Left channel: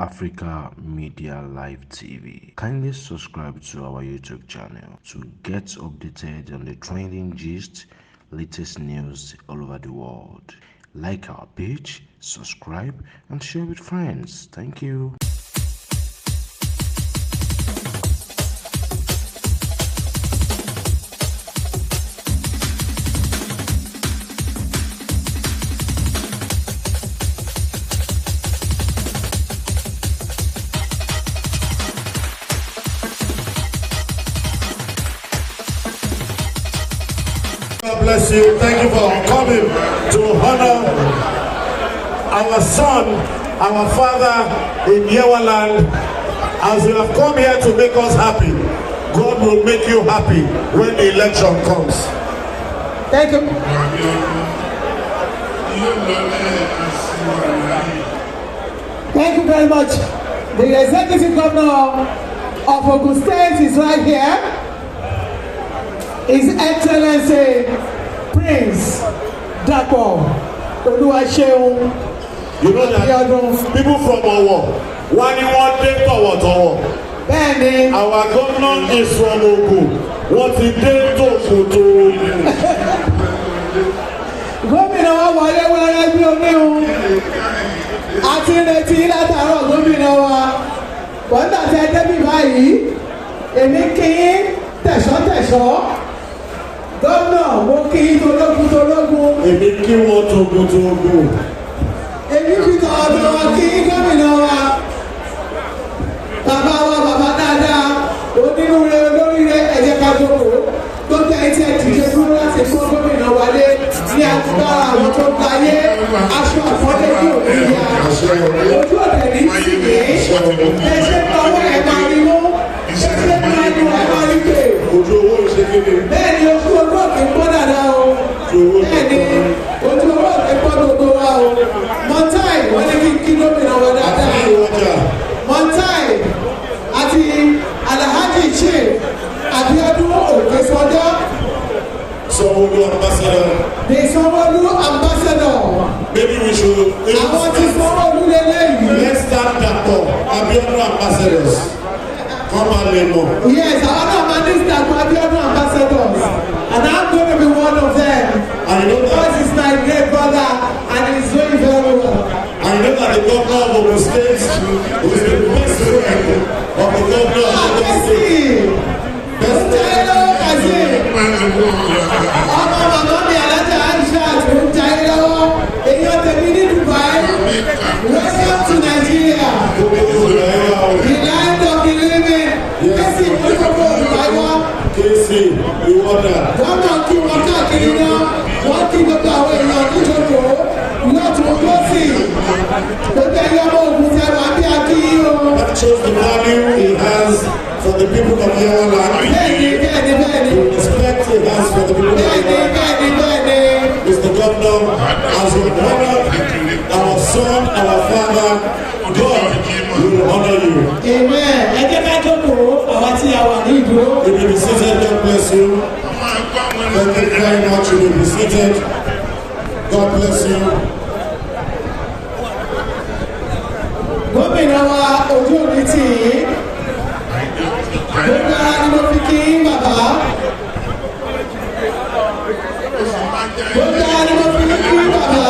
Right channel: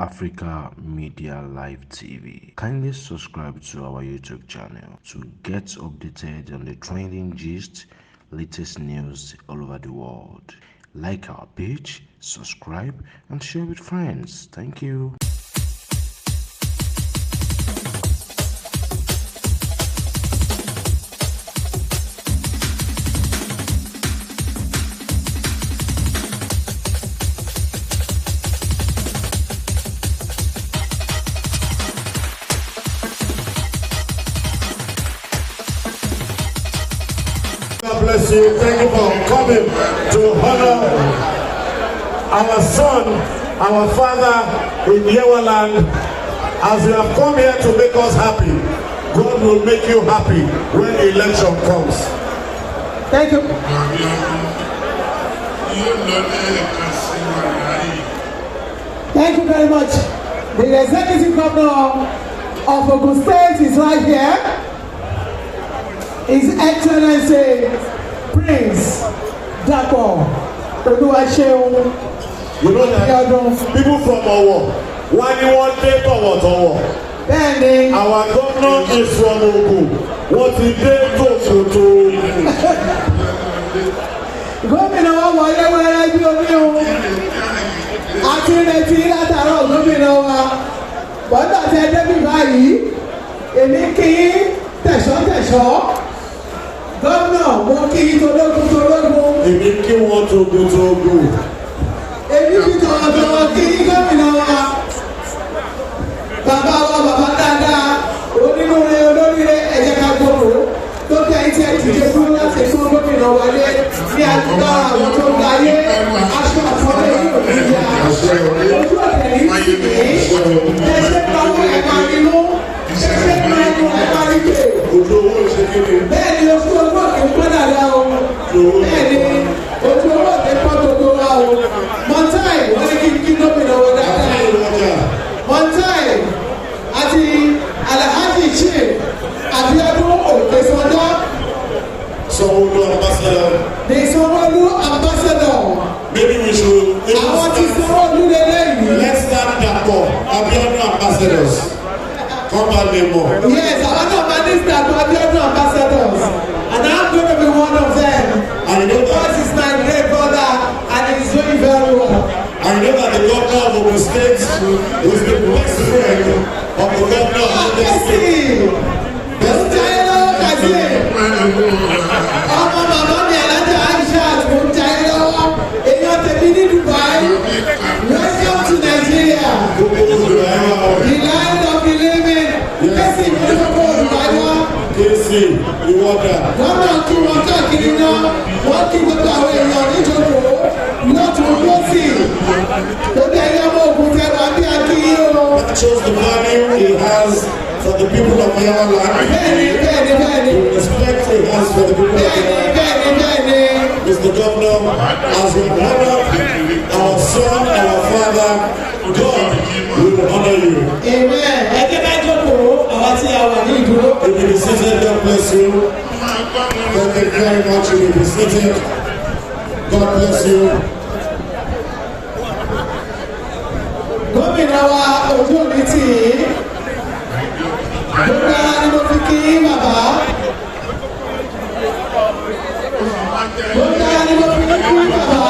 Africa Media Live TV. Kindly subscribe to our YouTube channel to get updated on the trending gist, latest news all over the world. Like our page, subscribe, and share with friends. Thank you. God bless you. Thank you for coming to honor our son, our father in Yewaland. As you have come here to make us happy, God will make you happy when the election comes. Thank you. Thank you very much. The executive governor of Ogun State is right here. His Excellency Prince Dapo Abiodun. You know that people from Ogun, when you want to talk about our governor is from Ogun. What did they talk to? Gómìnà wa wọlé wẹ́rẹ́ bí omi o. A ti retí látàárọ̀ gómìnà wa. Bọ́dà tẹ débi báyìí, èmi kí tẹ̀sọ́-tẹ̀sọ́. Gómìnà mo kí tológun. Èmi kí wọ́n togun. Èmi fi tọ̀wọ̀tọ̀wọ̀ kí gómìnà wa. Bàbá wa bàbá dáadáa, onínúure olóríire ẹ̀jẹ̀ ká gbòòrò. Gbogbo ẹ̀yìn tí ẹ dìde dúró láti fún gómìnà wálé ní agbára àwọn tó ń darí aṣọ àfọ́lẹ́ ní òbí ya. Ojú ọ̀tẹ̀ ní tìkì, ẹ̀ṣẹ̀ pàwọ́ ẹ̀ máa rí mú, ẹ̀ṣẹ̀ máa mú ẹ̀ máa rí pé. Bẹ́ẹ̀ ni ojú owó òkè ń pọ́n dàda o. Bẹ́ẹ̀ ni ojú owó òkè ń pọ́n gbogbo wa o. Mọ̀táì wọ́n ní kí gómìnà wọ dáadáa. Mọ̀táì àti Alhaji Chief Abiodun Òkè Sọjọ́. Sanwó-Olú ambassador. The Sanwó-Olú ambassador. Maybe we should. Àwọn tí Sanwó-Olú lélẹ́yìn. Let's start Dapo Abiodun ambassadors. Come on, Lemo. Yes, I want to manage Dapo Abiodun ambassadors. And I'm going to be one of them. And you know that. Because he's my great brother and he's doing very well. And you know that the governor of Ogun State was the best friend of the governor of Ogun State. Best friend. Ọmọ màmá mi alájà Aisha ló ń jayé lọ́wọ́. Èèyàn tẹ̀lé ní Dubai. Welcome to Nigeria. The land of the living. Kẹ́sì ìmọ̀lẹ́kọ̀ọ́ Dubai wá. Kẹ́sì ìwọ́dà. Wọ́n máa kí wọn káàkiri náà. Wọ́n kí gbogbo àwọn èèyàn níjọ́kọ̀. Lọ́tún lọ́sì. Gbogbo ẹ̀yọ́ ọmọ ògùn tẹ wá bí akíyí o. That shows the value he has for the people of Yewaland. Bẹ́ẹ̀ni. The respect he has for the people of Yewaland. Bẹ́ẹ̀ni. Mr. Governor, as your brother, our son, our father, God will honor you. Amen. Ẹ jẹ́ ká jókòó àwọn tí a wà ní ìdúró. You will be seated, God bless you. Thank you very much, you will be seated. God bless you. Gómìnà wa ojú omi tì í. Gbogbo ara ni mo fi kí bàbá. Gbogbo ara ni mo fi kí bàbá.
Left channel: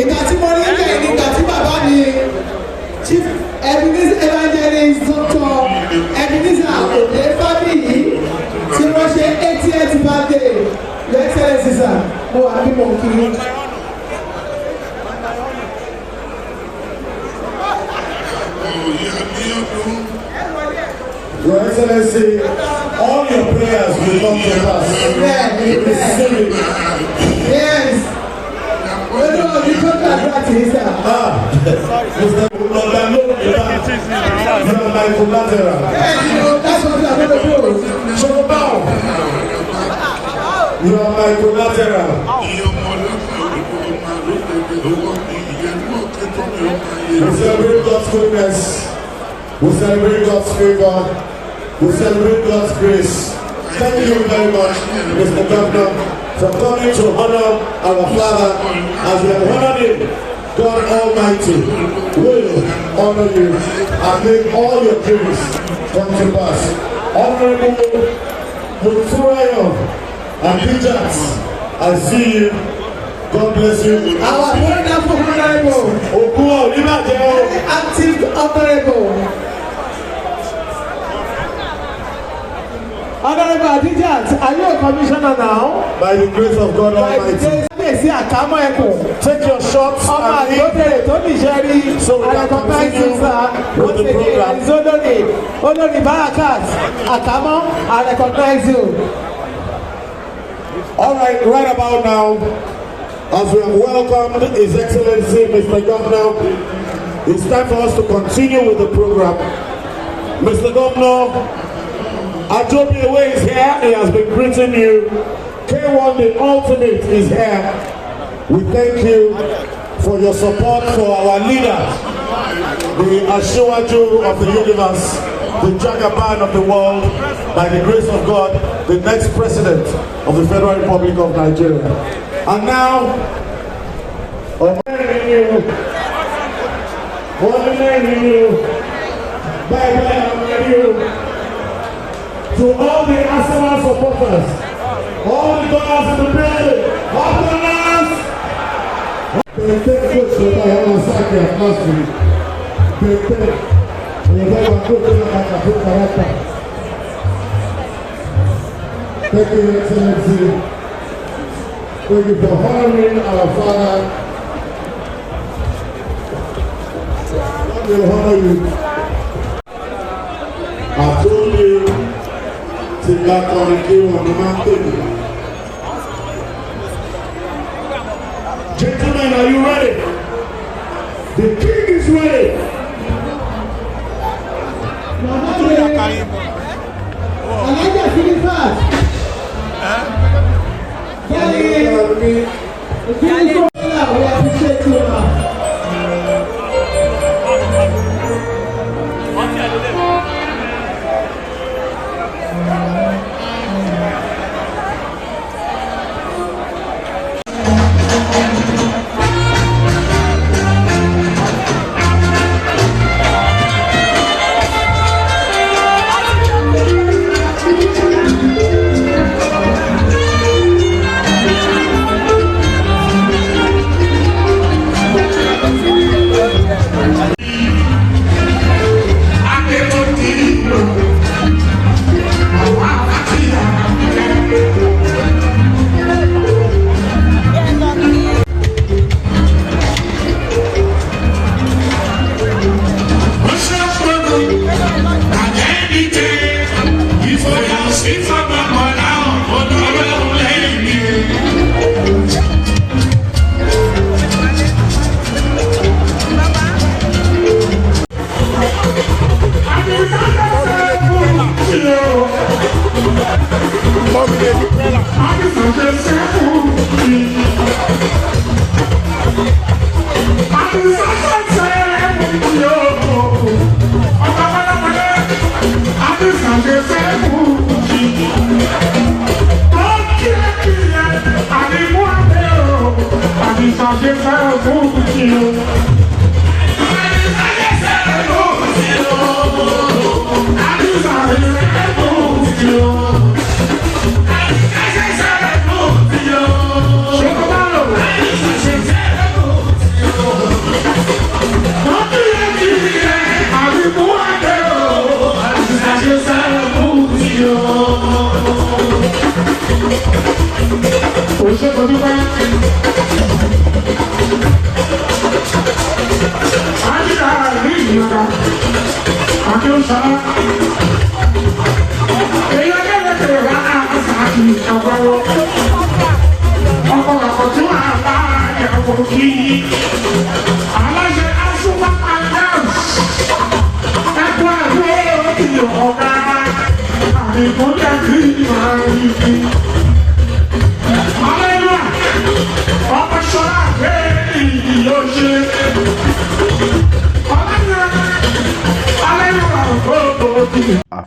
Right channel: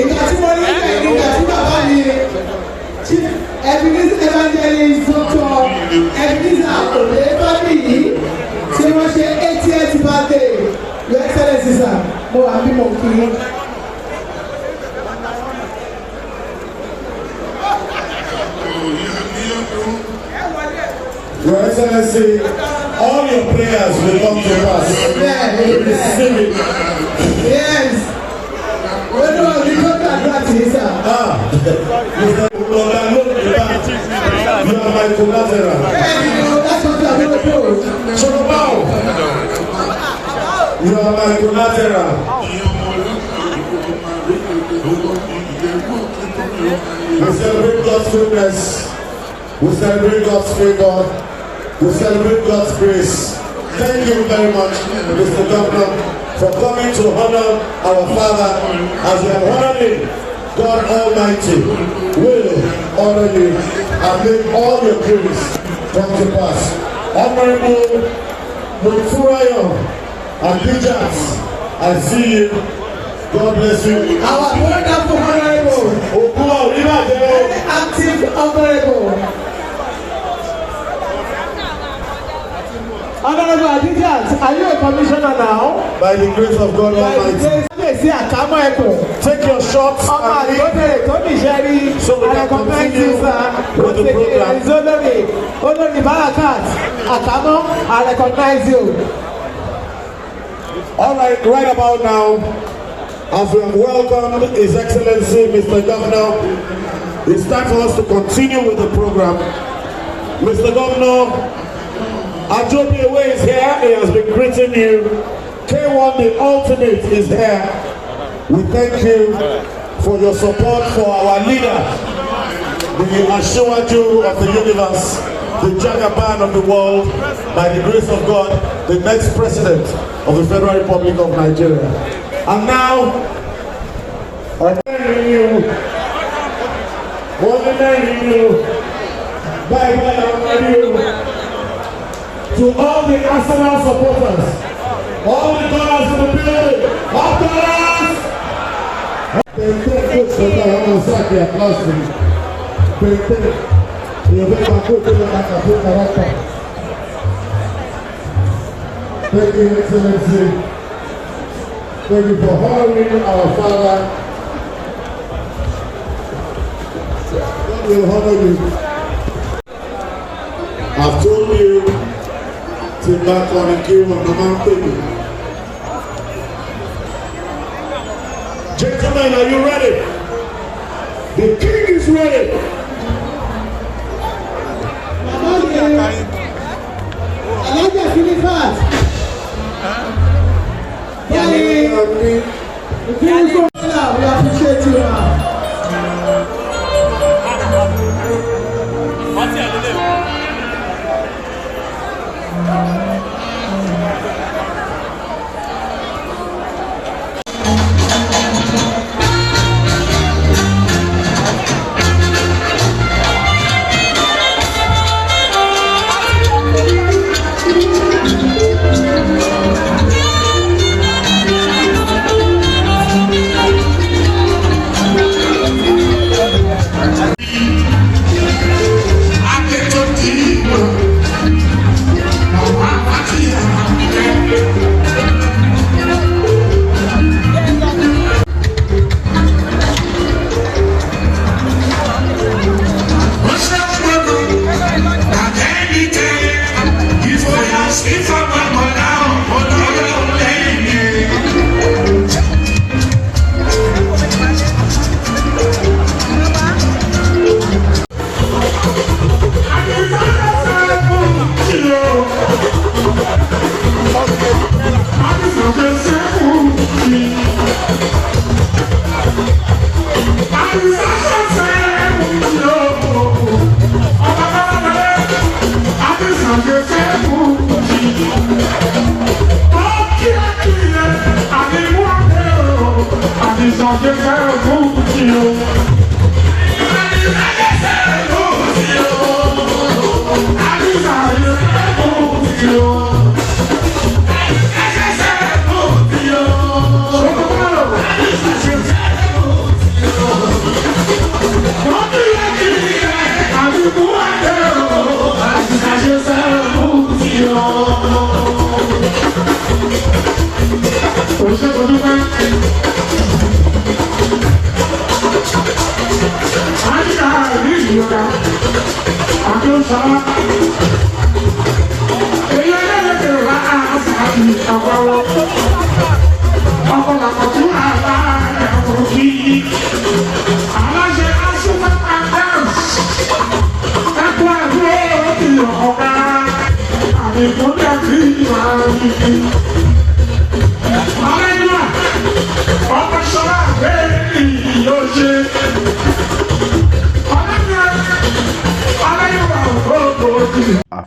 Ìgbà tí mo rí bẹ́ẹ̀ ni ìgbà tí bàbá mi Chief Evangelist Dr. Ebenezer Ode Fábíyì tí wọ́n ṣe 80th birthday. Your Excellency sir, mo wà bí mo kí. Your Excellency, all your prayers will come to pass. Amen. Yes. Where do you talk about this, sir? Mr. Lodano, you are my collateral. That's what you are going to do. Sokopao, you are my collateral. We celebrate God's goodness. We celebrate God's favor. We celebrate God's grace. Thank you very much, Mr. Governor, for coming to honor our father as we have honored him God Almighty will honor you and make all your dreams come to pass. Honorable Muturayo and Dijats, I see you. God bless you. Our wonderful honorable, Ogun, active honorable, Honorable Adijat, are you a commissioner now? by the grace of God Almighty. Take your shots and leave so we can continue with the program. I recognize you. All right, right about now, as we have welcomed His Excellency Mr. Governor, it's time for us to continue with the program. Mr. Governor, Ajobiwe is here. He has been greeting you. K1, the ultimate, is here. We thank you for your support for our leader, the Ashiwaju of the universe, the Jagaban of the world, by the grace of God, the next president of the Federal Republic of Nigeria. And now, honoring you, to all the Arsenal supporters, all the dollars in the building, all dollars! Thank you, Excellency. Thank you for honoring our father. God will honor you. I've told you, take that on and came on the mountain. Gentlemen, are you ready? The king is ready. We appreciate you.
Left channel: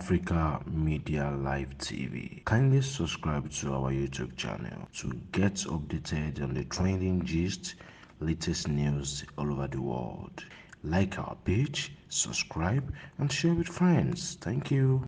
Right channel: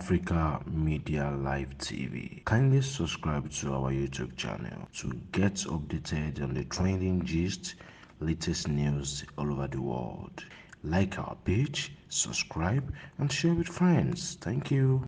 Africa Media Live TV. Kindly subscribe to our YouTube channel to get updated on the trending gist, latest news all over the world. Like our page, subscribe, and share with friends. Thank you.